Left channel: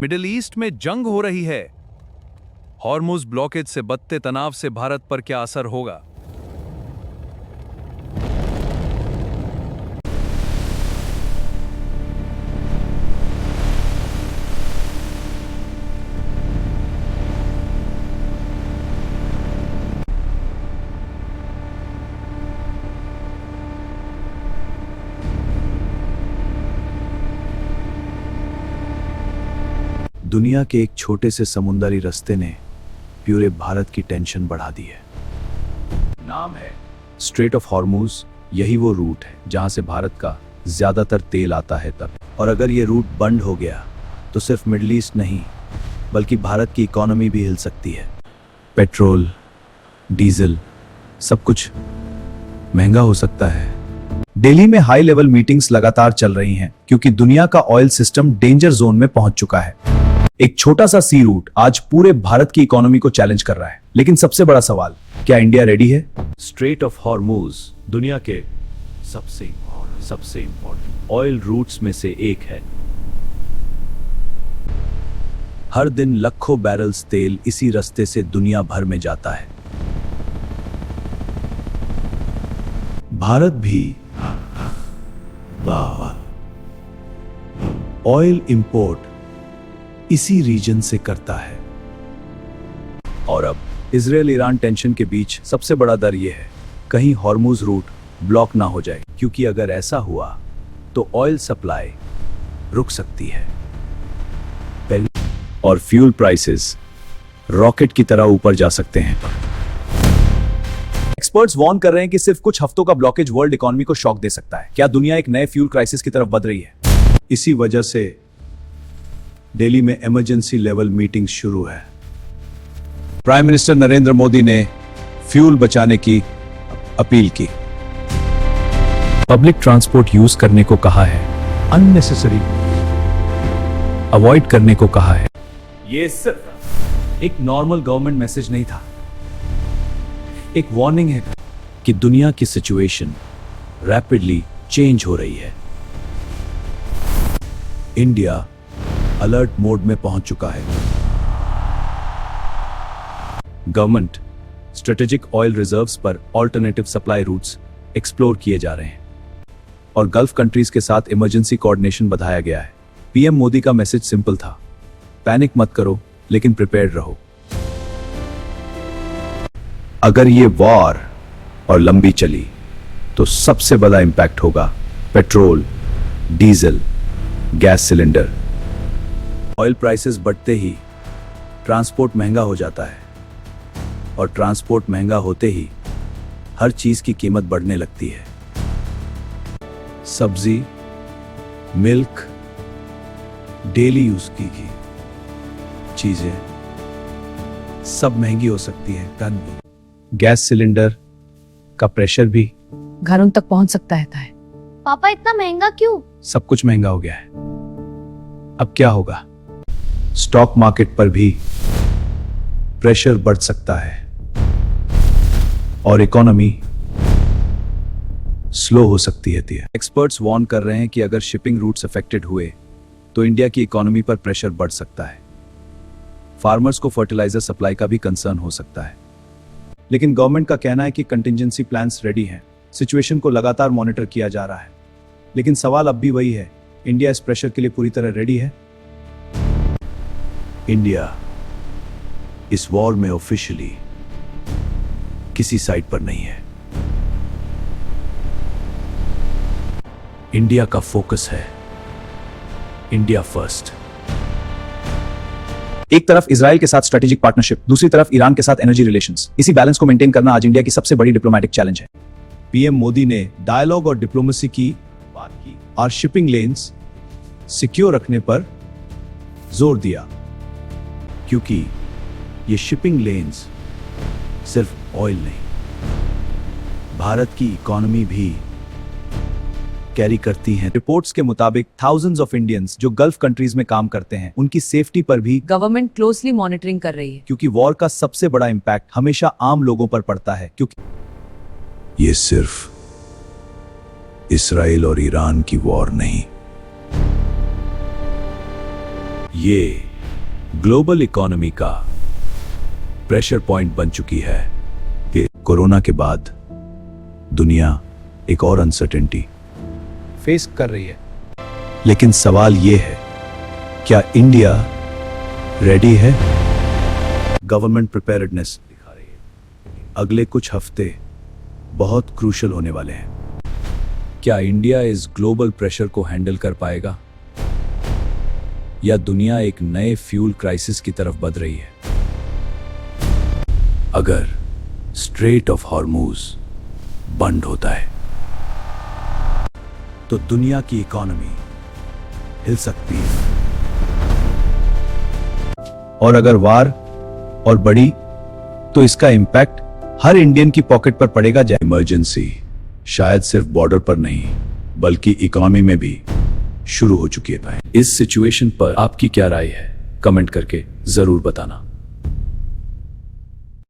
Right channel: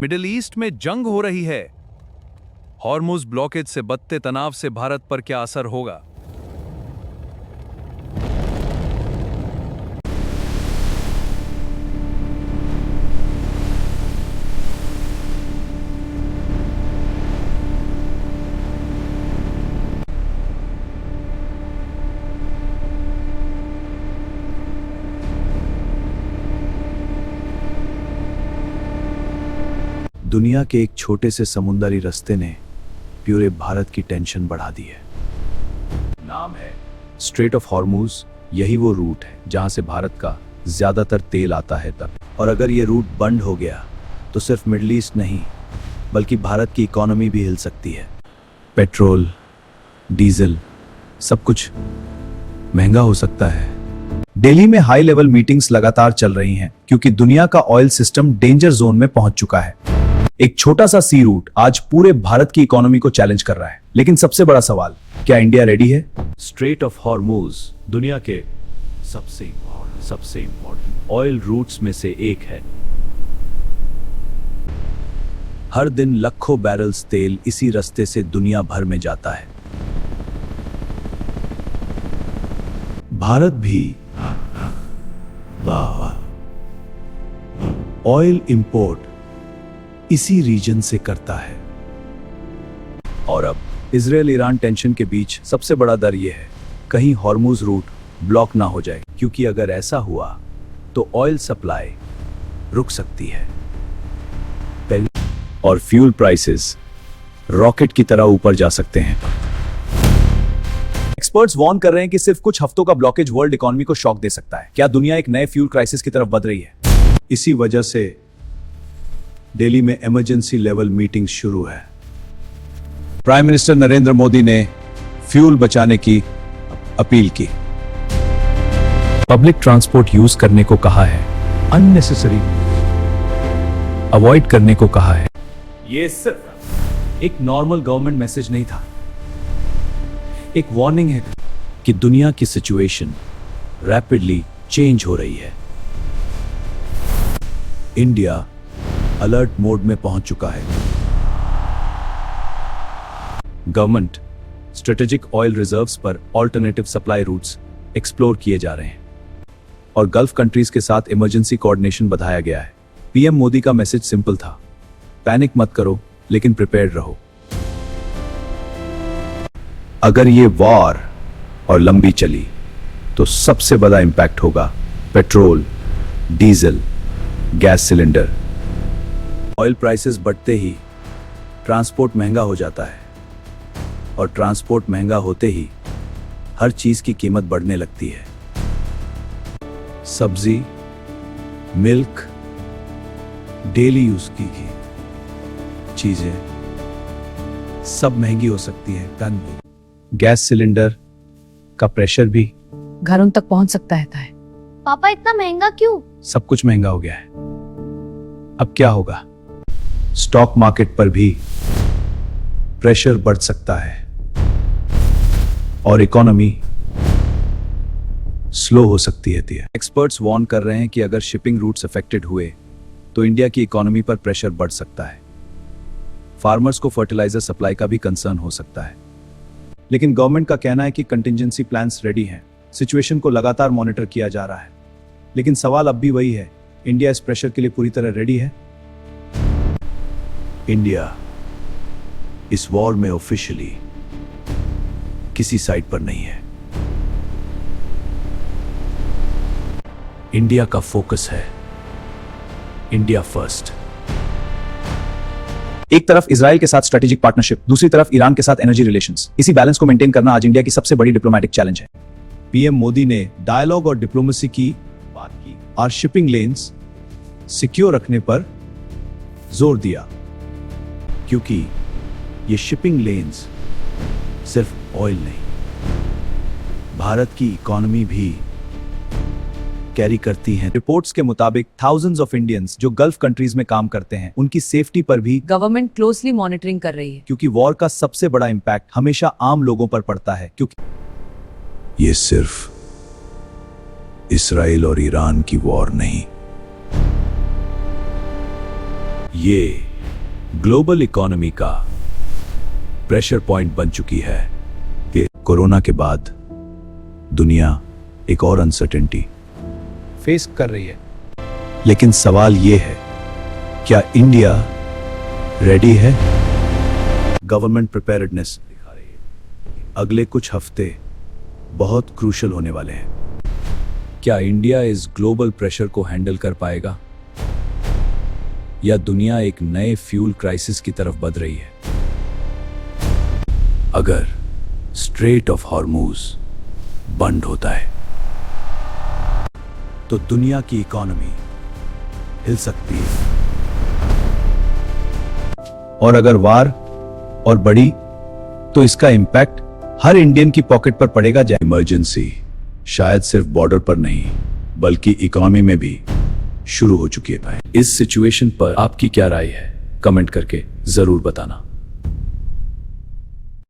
Middle east में जंग हो रही है। हॉर्मुज ब्लॉकेज से बढ़ते तनाव से भारत पर क्या असर होगा? दुनिया के एक छोटे से समुद्री रास्ते ने पूरे भारत की टेंशन बढ़ा दी है। नाम है स्ट्रेट ऑफ हॉर्मुज। यही वो रूट है जहां से भारत का ज्यादातर तेल आता है तब। और अगर ये रूट बंद हो गया तो सिर्फ मिडिल ईस्ट नहीं बल्कि भारत की इकोनॉमी भी हिल सकती है। पेट्रोल, डीजल, सब कुछ महंगा हो सकता है। दिल्ली में हाई लेवल मीटिंग्स लगातार चल रही हैं क्योंकि दुनिया का ऑयल सिस्टम डेंजर जोन में पहुंच चुका है। एक छोटा सा सी रूट आज पूरे भारत की इकोनॉमी को चैलेंज कर रहा है। लेकिन सबसे बड़ा सवाल, क्या इंडिया रेडी है? स्ट्रेट ऑफ हॉर्मुज दुनिया के सबसे इम्पोर्टेंट ऑयल रूट्स में से एक है। हर दिन लाखों बैरल्स तेल इसी रास्ते से दुनिया भर में जाता है। भारत भी ऑयल इंपोर्ट इसी रीजन से करता है। और अब इजराइल ईरान टेंशन के बीच सबसे बड़ा डर यह है कहीं हॉर्मुज रूट ब्लॉक ना हो जाए, क्योंकि अगर ऐसा हुआ तो ऑयल सप्लाई रुक सकती है और फ्यूल प्राइसेस रॉकेट की तरह ऊपर जा सकते हैं। एक्सपर्ट्स वार्न कर रहे हैं कि सिर्फ कुछ हफ्तों का ब्लॉकेज वर्ल्ड इकोनॉमी को शॉक दे सकता है। क्या दुनिया एक नए फ्यूल क्राइसिस की तरफ बढ़ रही है? इसी वजह से दिल्ली में इमरजेंसी लेवल मीटिंग शुरू है। प्राइम मिनिस्टर नरेंद्र मोदी ने फ्यूल बचाने की अपील की, पब्लिक ट्रांसपोर्ट यूज करने को कहा है, अननेसेसरी अवॉइड करने को कहा है। यह सिर्फ एक नॉर्मल गवर्नमेंट मैसेज नहीं था, एक वार्निंग है कि दुनिया की सिचुएशन रैपिडली चेंज हो रही है। इंडिया अलर्ट मोड में पहुंच चुका है। गवर्नमेंट स्ट्रेटेजिक ऑयल रिजर्व्स पर ऑल्टरनेटिव सप्लाई रूट्स एक्सप्लोर किए जा रहे हैं और गल्फ कंट्रीज के साथ इमरजेंसी कोऑर्डिनेशन बढ़ाया गया है। पीएम मोदी का मैसेज सिंपल था, पैनिक मत करो लेकिन प्रिपेयर्ड रहो। अगर ये वॉर और लंबी चली तो सबसे बड़ा इंपैक्ट होगा petrol, diesel, gas cylinder. Oil prices बढ़ते ही ट्रांसपोर्ट महंगा हो जाता है और ट्रांसपोर्ट महंगा होते ही हर चीज की कीमत बढ़ने लगती है। सब्जी, मिल्क, डेली यूज की चीजें सब महंगी हो सकती है। टन गैस सिलेंडर का प्रेशर भी घरों तक पहुंच सकता है। पापा इतना महंगा क्यों? सब कुछ महंगा हो गया है। अब क्या होगा? स्टॉक मार्केट पर भी प्रेशर बढ़ सकता है और इकोनॉमी स्लो हो सकती है। एक्सपर्ट्स वार्न कर रहे हैं कि अगर शिपिंग रूट्स अफेक्टेड हुए तो इंडिया की इकोनॉमी पर प्रेशर बढ़ सकता है। फार्मर्स को फर्टिलाइजर सप्लाई का भी कंसर्न हो सकता है। लेकिन गवर्नमेंट का कहना है कि कंटिजेंसी प्लान्स रेडी हैं। सिचुएशन को लगातार मॉनिटर किया जा रहा है। लेकिन सवाल अब भी वही है, इंडिया इस प्रेशर के लिए पूरी तरह रेडी है? इंडिया इस वॉर में ऑफिशियली किसी साइड पर नहीं है। इंडिया का फोकस है इंडिया फर्स्ट। एक तरफ इजराइल के साथ स्ट्रेटेजिक पार्टनरशिप, दूसरी तरफ ईरान के साथ एनर्जी रिलेशंस। इसी बैलेंस को मेंटेन करना आज इंडिया की सबसे बड़ी डिप्लोमेटिक चैलेंज है। पीएम मोदी ने डायलॉग और डिप्लोमेसी की बात की और शिपिंग लेन्स सिक्योर रखने पर जोर दिया, क्योंकि ये शिपिंग लेन्स सिर्फ ऑयल नहीं, भारत की इकोनॉमी भी कैरी करती हैं। रिपोर्ट्स के मुताबिक थाउजेंड्स ऑफ इंडियंस जो गल्फ कंट्रीज में काम करते हैं, उनकी सेफ्टी पर भी गवर्नमेंट क्लोजली मॉनिटरिंग कर रही है, क्योंकि वॉर का सबसे बड़ा इंपैक्ट हमेशा आम लोगों पर पड़ता है। क्योंकि ये सिर्फ इस्राइल और ईरान की वॉर नहीं, ये ग्लोबल इकोनॉमी का प्रेशर पॉइंट बन चुकी है। कि कोरोना के बाद दुनिया एक और अनसर्टेनिटी फेस कर रही है। लेकिन सवाल यह है, क्या इंडिया रेडी है? गवर्नमेंट प्रिपेयर्डनेस दिखा रही है। अगले कुछ हफ्ते बहुत क्रूशियल होने वाले हैं। क्या इंडिया इस ग्लोबल प्रेशर को हैंडल कर पाएगा, या दुनिया एक नए फ्यूल क्राइसिस की तरफ बढ़ रही है? अगर स्ट्रेट ऑफ हॉर्मुज बंद होता है तो दुनिया की इकोनॉमी हिल सकती है, और अगर वार और बढ़ी तो इसका इंपैक्ट हर इंडियन की पॉकेट पर पड़ेगा। इमरजेंसी शायद सिर्फ बॉर्डर पर नहीं बल्कि इकोनॉमी में भी शुरू हो चुकी है। इस सिचुएशन पर आपकी क्या राय है, कमेंट करके जरूर बताना।